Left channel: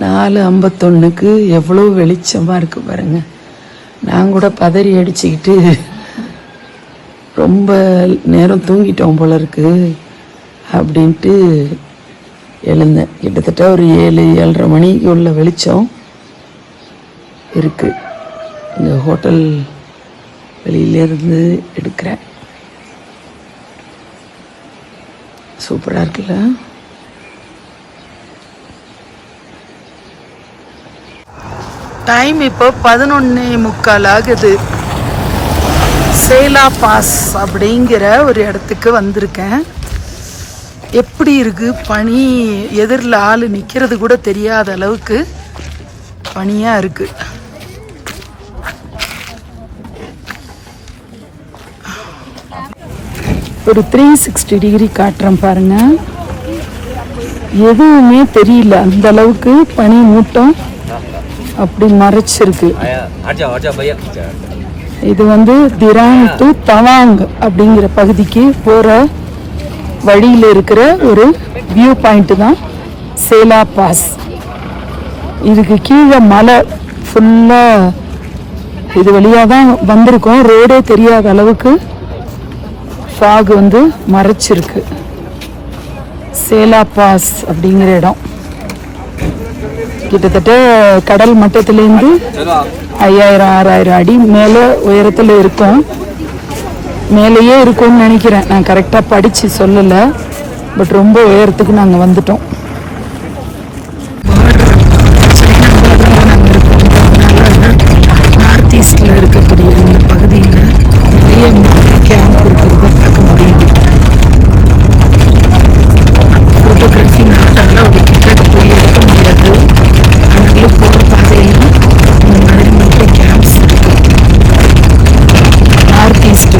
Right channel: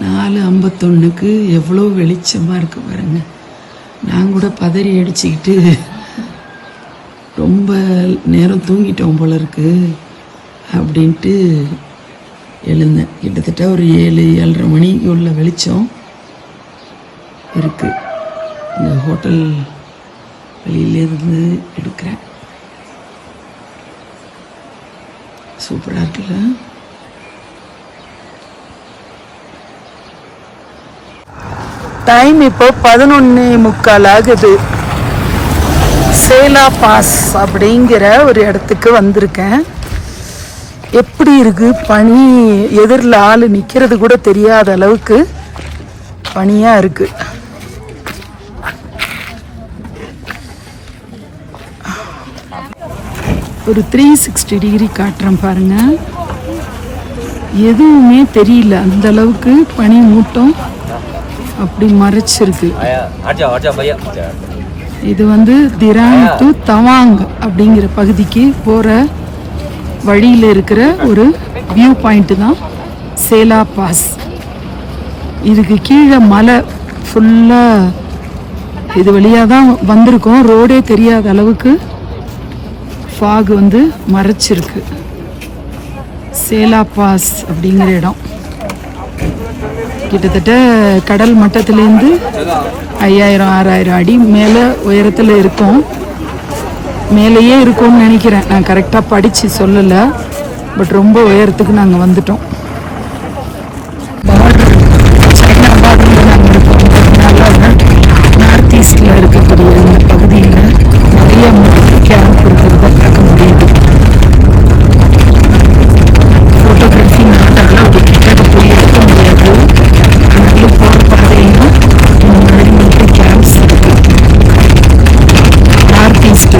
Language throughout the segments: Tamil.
4:51 எவ்வளோ வெளிச்சமாக இருக்கு பாருங்க. நான் கூட பதறி அடிச்சுக்கிட்டு ரொம்ப நேரம் தூங்கிட்டோம் போல இருக்கு அப்படின்ட்டு எழுந்தேன். கிட்டத்தட்ட ஒரு 7-7:30 மணிக்கு உள்ள வெளிச்சம் இருக்கு. இந்த ஹோட்டல் வெளியிலேருந்து எடுக்கிறேன். சூப்பராக இருக்குல்ல? டைம் இப்போ 11:45 ஆகுது. சேலா பாஸ் அப்படிங்கிற ஒரு இடத்துக்கு வந்திருக்கேன். எப்படி இருக்கு பனி, எதிரில் ஆள் நிற்கிறது கூட தெரியாத அளவுக்கு பனியாக இருக்கு. ஒரு 360 டிகிரி காட்டுறேன் பாருங்க. எதுவுமே தெரியல, அந்த அளவுக்கு பனி மூட்டம் அப்படி மறைச்சிருக்கு. இது திராங் டு தவாங் அப்படிங்கிற பகுதிக்கு போற வழியில் இருக்கிற ஒரு வியூ பாயிண்ட் தான் சேலா பாஸ். இதுக்கு கீழே மலை ஃபுல்லா இது வழியாக தான் வந்திருக்கோம். ரோடே தெரியாத அளவுக்கு ஃபாக் மறைச்சிருக்கு. சேலா பாஸ் அப்படிங்கிற இடம் கிட்டத்தட்ட கடல் மட்டத்திலேருந்து 5000-6000 அடி மேலே உயரத்தில் இருக்கும். மேலேயே இருக்கும்னு நினைக்கிறேன், நான் கரெக்டாக படித்து சொல்லலை. பட் ரொம்ப உயரத்துக்கு நாங்கள் வந்துட்டோம். பார்டர், சைனா பார்டரில் நாங்கள் இருக்கோங்கிறதுனால நார்த் ஈஸ்டில் இருக்கக்கூடிய இந்த பகுதியில் நிறைய கேம்ப் இருக்கிறத பார்க்க முடியுது. ஃபோட்டோகிராஃபி நான் நல்லா ஒரு கிட்ட போய் எடுக்க முடியாது. அதனால போகிற பாதையில் இந்த மாதிரி மட்டும் கேம்ப்ஸ் இருக்கு. நார்த் ஈஸ்ட்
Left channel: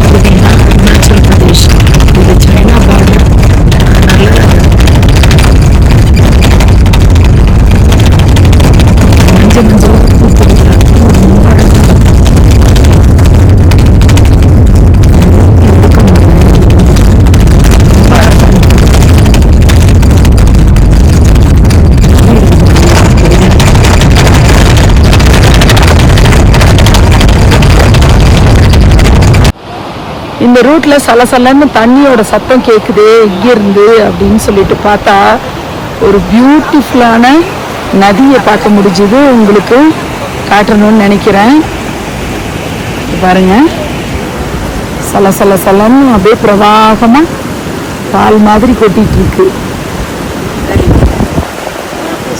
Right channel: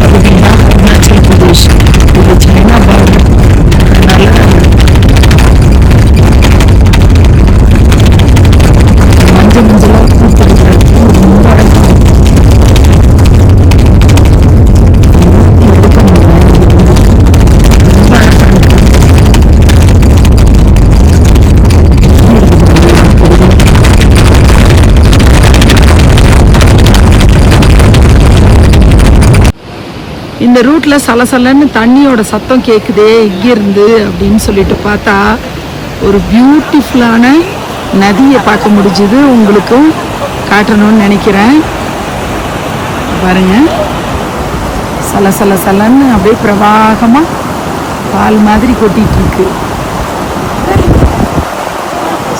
பகுதினா அருணாச்சல் பிரதேஷ், இது சைனா பார்டர். அதனால மஞ்சளாக பூத்துருக்குற ரொம்ப அழகாக இந்த ரூட்ல சலசலன்னு தண்ணியோட சத்தம் கேட்குதே எங்கிருந்து அப்படின்னு சொல்லிட்டு பார்த்தா ஒரு பியூட்டிஃபுல்லான நதியை பார்க்க முடிஞ்சுது. உங்களுக்கு காட்டணும்னு நினைக்கிறேன். பாருங்க, சலசலன்னு அப்படியே பிரவாகமா பால் மாதிரி கொட்டிட்டு இருக்கு.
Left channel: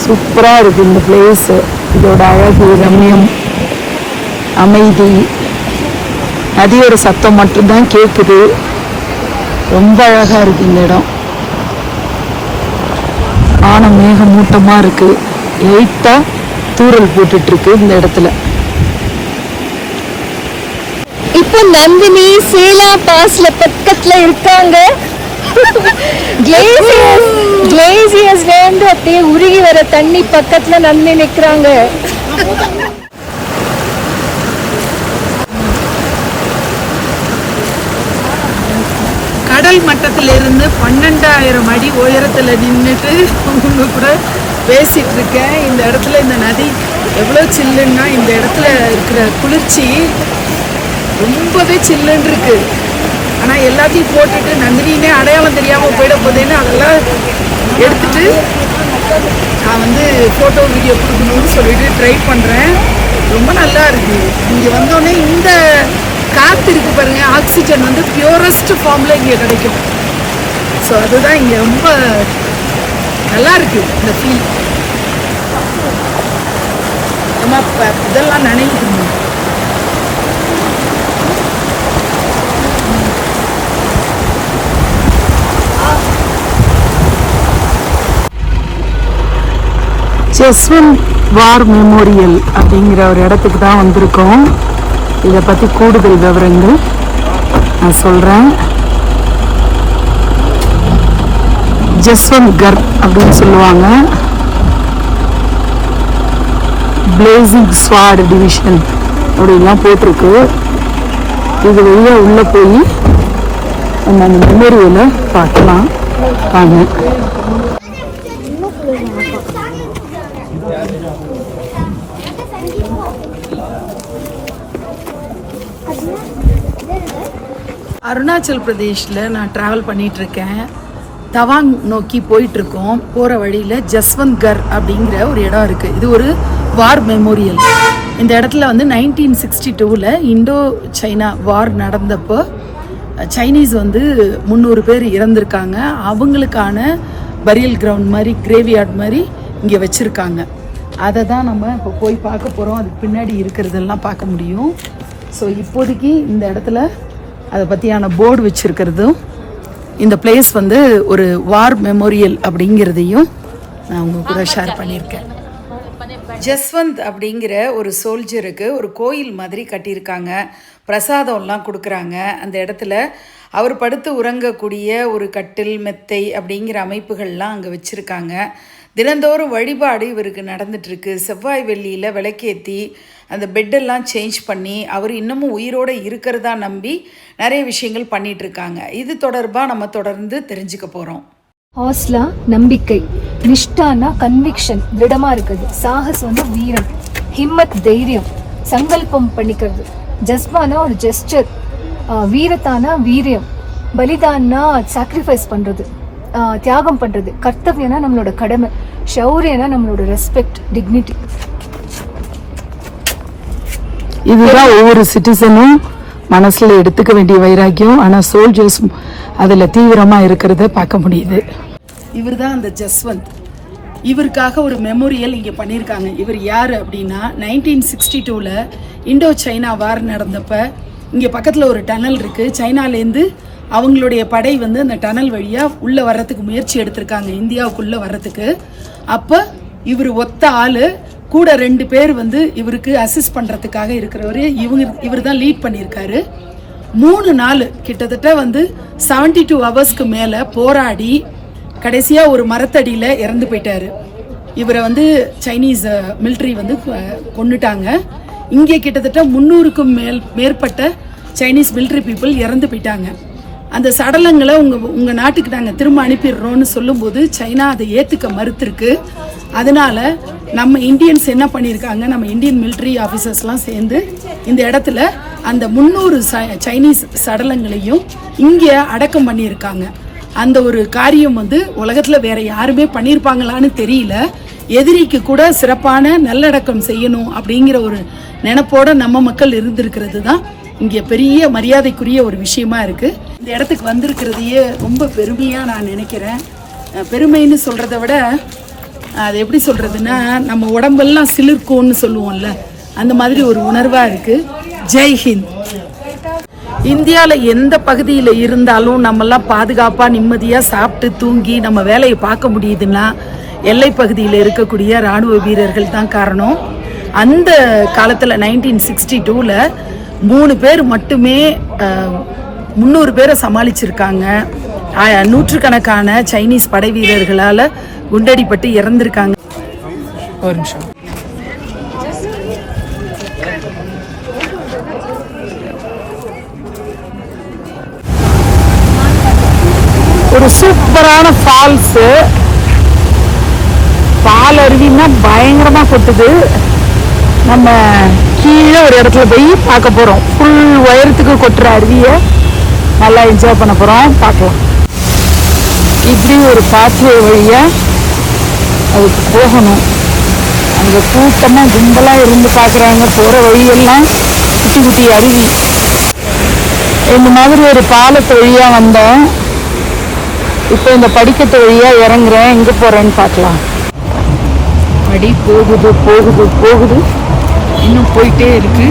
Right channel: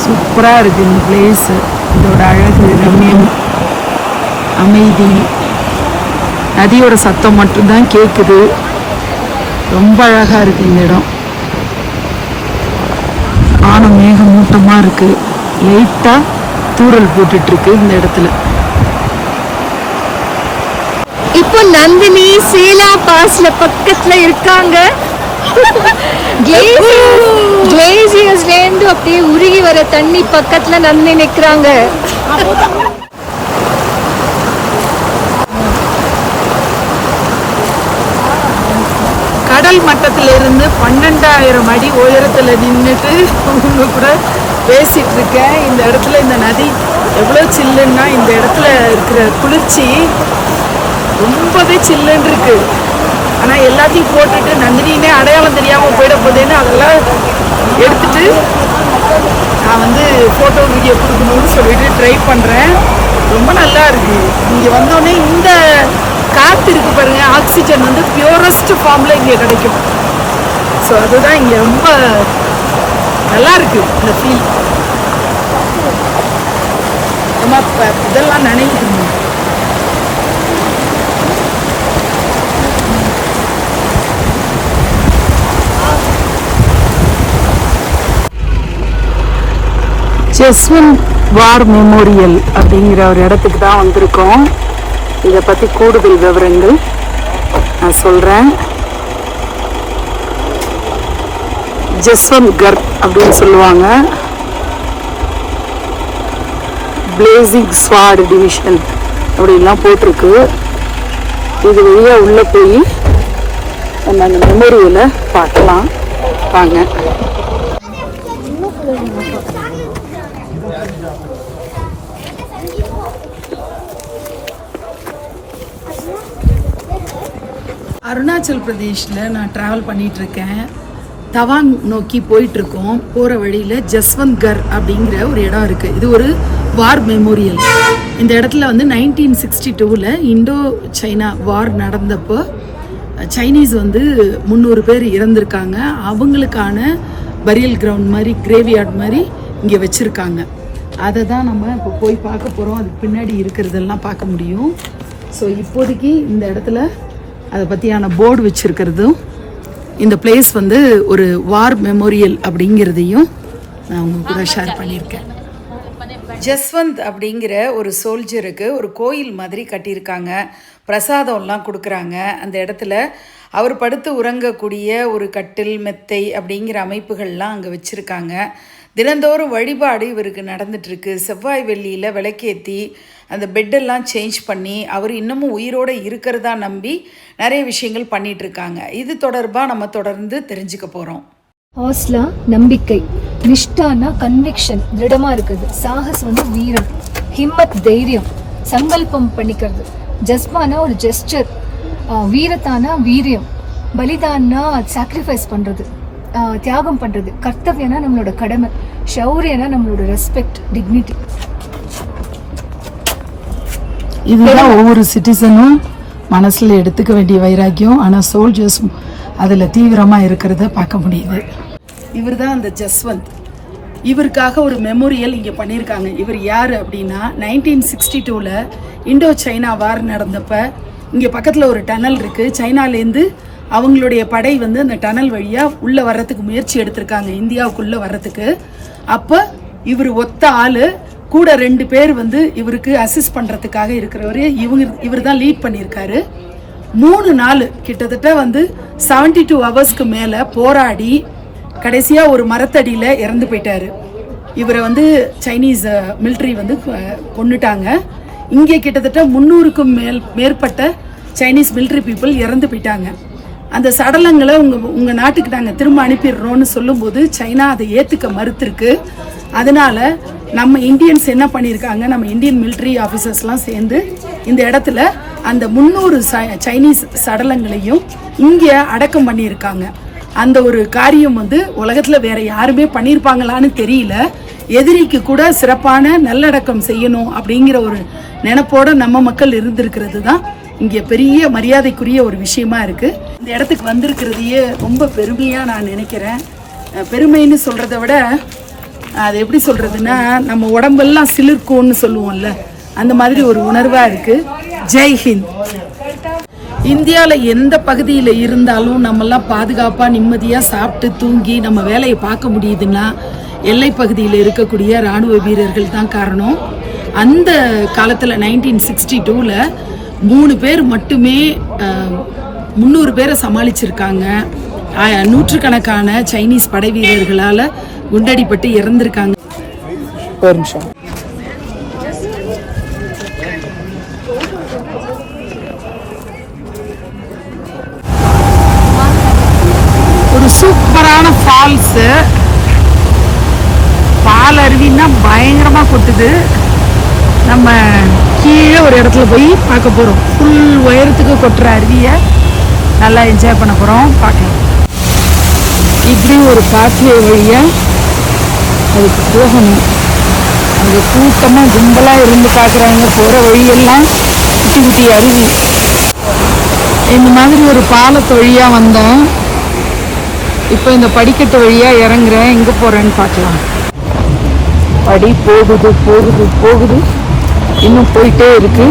சூப்பரா இருக்கு இந்த பிளேஸ். இதோட அழகு, ரம்யம், அமைதி, நதியோட சத்தம் மட்டும்தான் கேட்குது. ரொம்ப அழகா இருக்கு இந்த இடம். ஆன மேகமூட்டமா இருக்கு. லைட்டா தூறல் போட்டுட்டு இருக்கு இந்த இடத்துல. இப்போ நந்தினி சேலா பாஸ்ல பக்கத்துல இருக்காங்க. கிளேசியர்ஸ்ல இருந்து அப்படியே உருகி வர தண்ணி பக்கத்துல நந்தினி நிக்கிறாங்க. கடல் மட்டத்திலிருந்து 12,000 அடி உயரத்தில் நின்றுட்டு உங்க கூட பேசிட்டு இருக்கேன். இந்த இடத்துல இந்த நதி எவ்வளோ சில்லுன்னா, இந்த இடத்துல இருக்கிற குளிர்ச்சி ரொம்பவே சில்லுன்னு இருக்கு. ஆனால் எல்லாத்தையும் போட்டுட்டு நந்தினினே அடையாளம் தெரியாமல் போயிட போதேன்னு அதெல்லாம் எடுத்துட்டு நான் ஃபோட்டோ வீடியோ கொடுக்கணும்னு சொல்லிட்டு ட்ரை பண்ணுறேன். ரொம்ப நல்லா இருக்கு. இங்கே வந்தோடனே இந்த காற்று இருக்கு பாருங்க, ஆக்சிஜன் பியூரஸ்ட் ஃபார்ம்ல இங்கே கிடைக்கும். ஸோ அதுதான் இங்கே ரொம்ப நல்லா இருக்கு இந்த ஃபீல். நம்ம இதெல்லாம் நினைக்கணும். ஜஸ்வந்த் வார் மெமோரியல் அப்படிங்கிற ஒரு இடத்துக்கு தான் வந்திருக்கோம். இதை பற்றி கூடுதல் விவரங்கள் நான் சொல்கிறேன். ஜஸ்வந்த் கர் அப்படின்னு சொல்லுவாங்க. பிளேசிங் ஸ்வாட் டிவிஷன் இப்படியெல்லாம் போட்டிருக்கு. இது வழியாக உள்ளே போய் ஊரில் பார்க்கலாம். ஆமாம், அருணாச்சல் பிரதேஷில் நான் ட்ராவல் பண்ணிகிட்ருக்கேன். தவாங் நோக்கி போயிட்டுருக்கோம். போகிற வழியில் ஜஸ்வந்த்கர் அப்படிங்கிற ஒரு இடம் இருக்குது. இது ஒரு வார் மெமோரியல். இந்த இடத்துல வந்து 1962 இண்டோ சைனா வார் நடந்தப்போ சைனீஸ் வந்து 300 பேர் இறந்துருக்காங்க. அவங்களுக்கான பரியல் கிரவுண்ட் மாதிரி, கிரேவியார்ட் மாதிரி இங்கே வச்சுருக்காங்க. அதை தான் நம்ம இப்போ போய் பார்க்க போகிறோம். அதுக்கு பின்னாடி இருக்கிறதெல்லாம் பார்க்க முடியும். ஸோ இப்போதைக்கு இந்த இடத்துல அதை பற்றியான போர்டு வச்சுருக்கிறதும், இந்த பிளேஸ் வந்து ஒரு வார் மெமோரியல் அப்படிங்கிறதையும் நான் உங்க கூட ஷேர் பண்ணியிருக்கேன். ஜஸ்வந்த் அப்படிங்கிற ஒரு சோல்ஜருக்கு ஒரு கோயில் மாதிரி கட்டியிருக்காங்க. பிரசாதம்லாம் கொடுக்குறாங்க. அந்த இடத்துல அவர் படுத்து உறங்கக்கூடிய ஒரு கட்டில், மெத்தை அப்படிங்கிற அமைப்புகள்லாம் அங்கே வச்சுருக்காங்க. தினந்தோறும் வழிபாடு இவருக்கு நடந்துட்டுருக்கு. செவ்வாய் வெள்ளியில் விளக்கேற்றி அந்த பெட்டெல்லாம் சேஞ்ச் பண்ணி அவர் இன்னமும் உயிரோடு இருக்கிறதா நம்பி நிறைய விஷயங்கள் பண்ணிகிட்ருக்காங்க. இது தொடர்பாக நம்ம தொடர்ந்து தெரிஞ்சுக்க போகிறோம். ஆஸ்லா நம்பிக்கை, நிஷ்டானா கன்விக்ஷன், திடமா இருக்குது. சாகசம்னா வீரம், ஹிம்மத் தைரியம், சங்கல்பம் பண்ணிக்கிறது. ஜஸ்பானா ஒரு ஜெஸ்டர், வீரத்தானா வீரியம், பலிதான்னா சாக்ரிஃபைஸ் பண்றது, தியாகம் பண்றது. கர்த்தவியனா நம்மளோட கடமை, ஷௌரியனா நம்மளோட ரெஸ்பெக்ட், டிக்னிட்டி. இதுதான் ஒவ்வொரு சிட்டிசனும் மனசுல எடுத்துக்க வேண்டிய வைராக்கியம். ஆனா சோல்ஜர்ஸ் அதுல தீவிரமா இருக்கிறத பார்க்க முடியுது. இவர் தான் அந்த ஜஸ்வந்த். இவருக்காக ஒரு மெமோரியல் இங்கே பண்ணியிருக்காங்க. இவர் யார் அப்படின்னா 1962 இண்டோ சைனா வார் நடந்தப்ப இங்கே பக்கத்தில் ஒரு டனல் இருக்குது. சைனாலேருந்து அவங்களுடைய படை வந்து அந்த டனல் வழியாக உள்ளே வர்றதுக்கு முயற்சி எடுத்திருக்காங்க, இந்தியாவுக்குள்ளே வர்றதுக்கு. அப்போ இவர் ஒத்த ஆள், கூட 2 பேர் வந்து இவருக்கு அசிஸ்ட் பண்ணுறதுக்காக இருக்கிறவர். இவர் தான் லீட் பண்ணியிருக்காரு. 3 நாள் கிட்டத்தட்ட வந்து 72 ஹவர்ஸ்க்கு மேலே போராடி கடைசியாக ஒரு மரத்தடியில் இறந்து போயிட்டாரு. இவரை வந்து சைனீஸ் மிலிட்ரி வந்து கொன்னுட்டாங்க. இங்கே கிட்டத்தட்ட 300க்கும் மேற்பட்ட சைனீஸ் மிலிட்ரி பீப்புள் இறந்து போயிட்டாங்க. அந்த சடலங்களை உங்கள் நாட்டுக்கு நாங்கள் திரும்ப அனுப்பிடுறோன்னு சொல்லும்போது சைனா அதை ஏற்றுக்க மறுத்திருக்கு. அதனால் நம்ம இந்தியன்ஸ் என்ன பண்ணியிருக்காங்க, நம்ம இந்தியன் மிலிட்ரி ஆஃபீஸர்ஸ்லாம் சேர்ந்து இந்த இடத்துல அந்த 300 சைனீஸ் சடலங்களையும் இங்கே அடக்கம் பண்ணியிருக்காங்க. அந்த ஒரு காரியம் வந்து உலகத்தில் வேற யாருமே பண்ணியிருப்பாங்களான்னு தெரியல. எதிரிக்கு கூட சிறப்பான நல்லடக்கம் செய்யணும் அப்படிங்கிற ஒரு நினைப்போட நம்ம மக்கள் இருந்திருக்கிறது தான் இங்கே பெரிய மரியாதைக்குரிய ஒரு விஷயமா இருக்குது. இந்த இடத்துக்கு வந்திருக்கிறதையே ரொம்ப பெருமையாக நான் நினைக்கிறேன். பெருமைன்னு சொல்கிறத விட அது எப்படி சொல்கிறதுன்னா, நம்ம உடம்பெல்லாம் சிலிர்க்கும்னு சொல்லுவோம்ல, அந்த மாதிரி ஒரு உணர்வாக இருக்குது. ஜெய்ஹிந்த். இந்தியாவில் எந்த பகுதியில் இருந்தாலும் நம்மெல்லாம் பாதுகாப்பாக நிம்மதியாக சாப்பிட்டு தூங்கி நம்ம வேலையை பார்க்க முடியுதுன்னா எல்லை பகுதியில் இருக்கக்கூடிய இராணுவ வீரர்கள் தான் காரணம். அந்த காலத்தில் 1962 3 பேர் மட்டுமே 300 பேரை சமாளிச்சிருக்காங்க. நூற்றுக்கணக்கான சைனீஸ் படை வீரர்களால் குண்டடிப்பட்டு இறந்திருக்காங்க. ஒரு நிமிஷம். ஒரு சூப்பரான ஃபால்ஸு, பால் அருவின்னா பயங்கரமாக கொட்டுது. நம்ம கீழே ஒரு இடத்துல போய் பார்க்க போகிறோம். ஃபுல் உயரத்துக்கு கொட்டுற அருவியை நல்லா என்ஜாய் பண்ண போகிறோம். பார்க்கலாம். இப்படி ஒரு பாத்வே வழியாக அதுக்கு போகணும். அங்கே கூட்டமாக கும்பலாக இருந்து பார்க்குறாங்க. போகிற வழியெல்லாம் குட்டி குட்டி அருவி. இந்த மாதிரி ஒரு பாலத்து வழியாக வந்தேன். இப்போ இந்த படிக்கட்டு வழியாக இறங்குறேன். எங்கே போகிறேன்னு பார்க்கலாம். படி போகுது போகுது போகுது, இன்னும் போயிட்டே இருக்கு.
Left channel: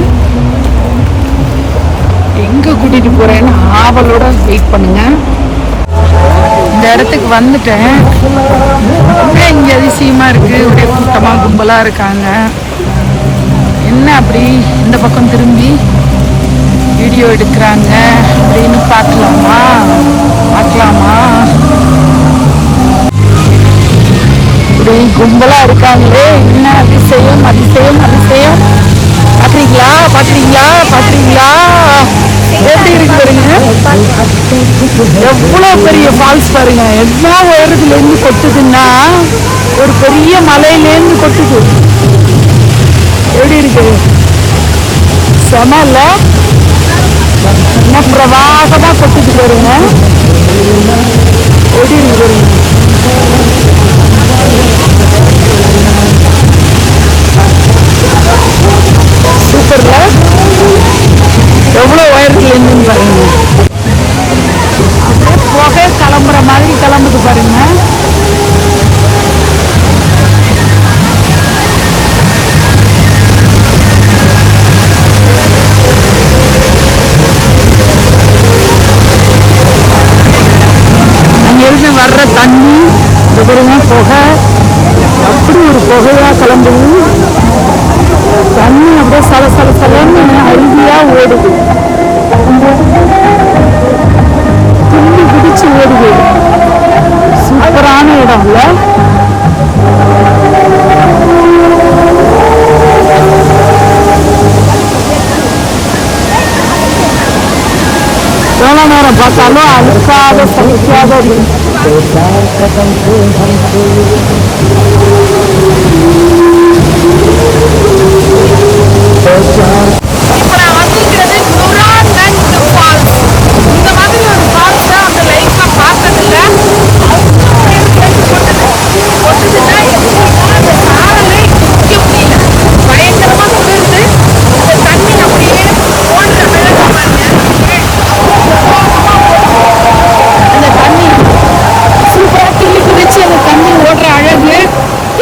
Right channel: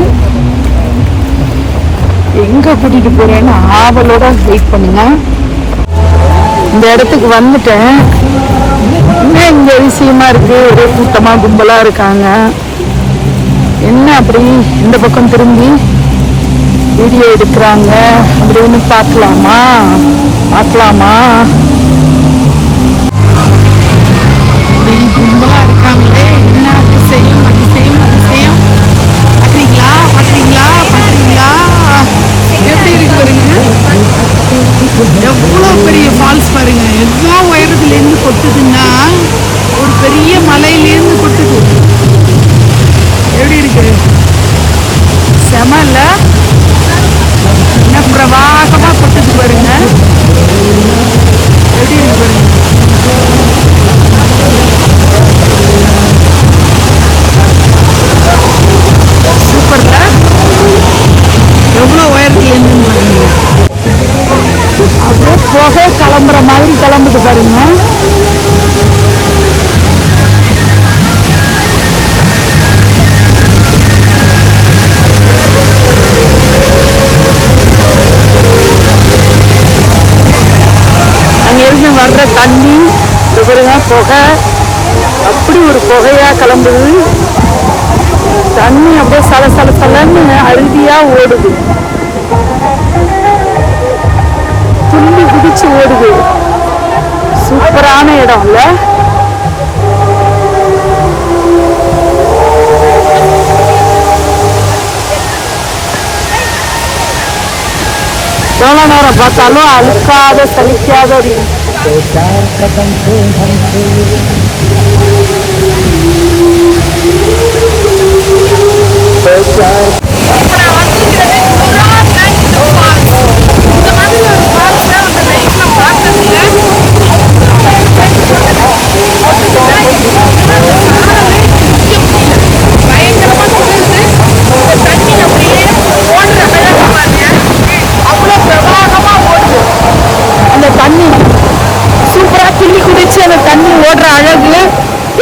எங்கே கூட்டிகிட்டு போகிறேன்னு ஆவலோட வெயிட் பண்ணுங்க. இந்த இடத்துக்கு வந்துட்டேன். இங்கே அதிசயமா இருக்கு. ஒரே கூட்டமா கும்பலா இருக்காங்க. என்ன அப்படி இந்த பக்கம் திரும்பி வீடியோ எடுக்கிறாங்க அப்படின்னு பார்க்கலாமா? இப்படி கும்பலா இருக்காங்களே, என்ன அதிசயம் அதிசயம் அதிசயம். பாக்குறீங்களா பாக்குறீங்களா பாக்குறீங்களா எப்படி இருக்கு பாருங்க. பெரிய ஃபால்ஸ் பாருங்க, எல்லா உயரத்துலேருந்து கொட்டுதுன்னா ஒரு பெரிய மலையிலேருந்து கொட்டுது. எப்படி இருக்கு? செம இல்ல? என்ன பிரவாகமா கொட்டுது பாருங்க. எப்படி இருக்கு பாருங்க. சூப்பர்ல, எவ்வளோ உயரத்துல இருந்து பாருங்க. அப்படியே புகை கிளம்புற மாதிரி கிளம்புது பாருங்க. அங்கிருந்து வர்ற தண்ணி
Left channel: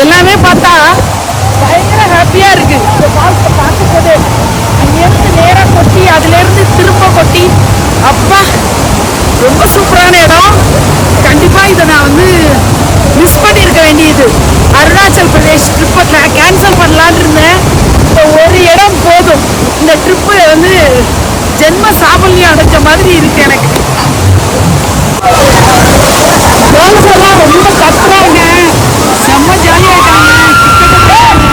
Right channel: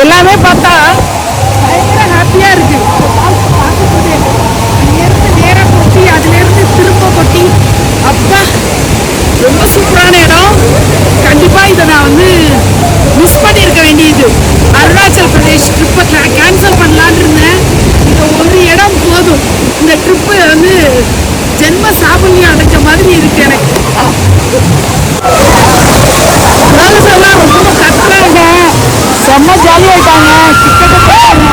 எல்லாமே பார்த்தா பயங்கர ஹாப்பியாக இருக்குது. இந்த ஃபால்ஸை பார்க்கும் போதே அங்கேருந்து நேராக கொட்டி அதுலேருந்து திரும்ப கொட்டி, அப்பா ரொம்ப சூப்பரான இடம். கண்டிப்பாக இதை நான் வந்து மிஸ் பண்ணியிருக்க வேண்டியது. அருணாச்சல் பிரதேஷ் ட்ரிப்பை கேன்சல் பண்ணலான்னு இருந்தேன். இந்த ஒரு இடம் போதும், இந்த ட்ரிப்பு வந்து ஜென்ம சாபல்யம் அடைஞ்ச மாதிரி இருக்கு எனக்கு. கேர்ள்ஸ் எல்லாம் ரொம்ப கத்துறாங்க, செம்ம ஜாலியாயிட்டாங்க. கிட்டக்க போறாங்க,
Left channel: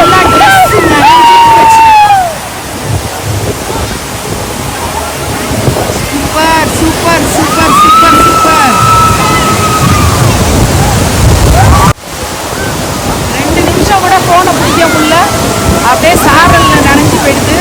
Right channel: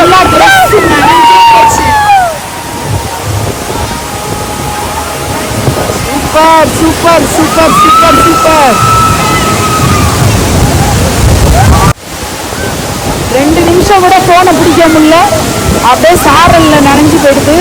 எல்லா ட்ரெஸ் நனைஞ்சே போச்சு. Super super super super super. 2 நிமிஷம் கூட போனை பிடிக்க முடியல, அப்படியே சாரல்ல நனைஞ்சு போயிடுது.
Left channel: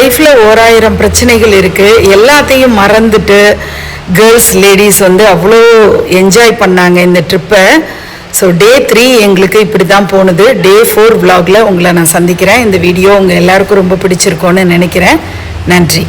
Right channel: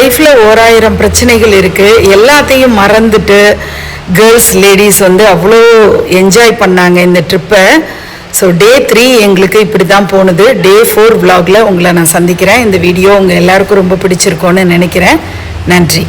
லைஃப்பில் 1000 பிரச்சனைகள் இருக்குது. எல்லாத்தையும் மறந்துட்டு கேர்ள்ஸ் லேடிஸ் வந்து அவ்வளோ என்ஜாய் பண்ணாங்க இந்த ட்ரிப்பை. ஸோ டே 3 எங்களுக்கு இப்படி தான் போனது. டே 4 vlogல உங்களை நான் சந்திக்கிறேன். இந்த வீடியோ உங்கள் எல்லாருக்கும் ரொம்ப பிடிச்சிருக்கோன்னு நினைக்கிறேன். நன்றி.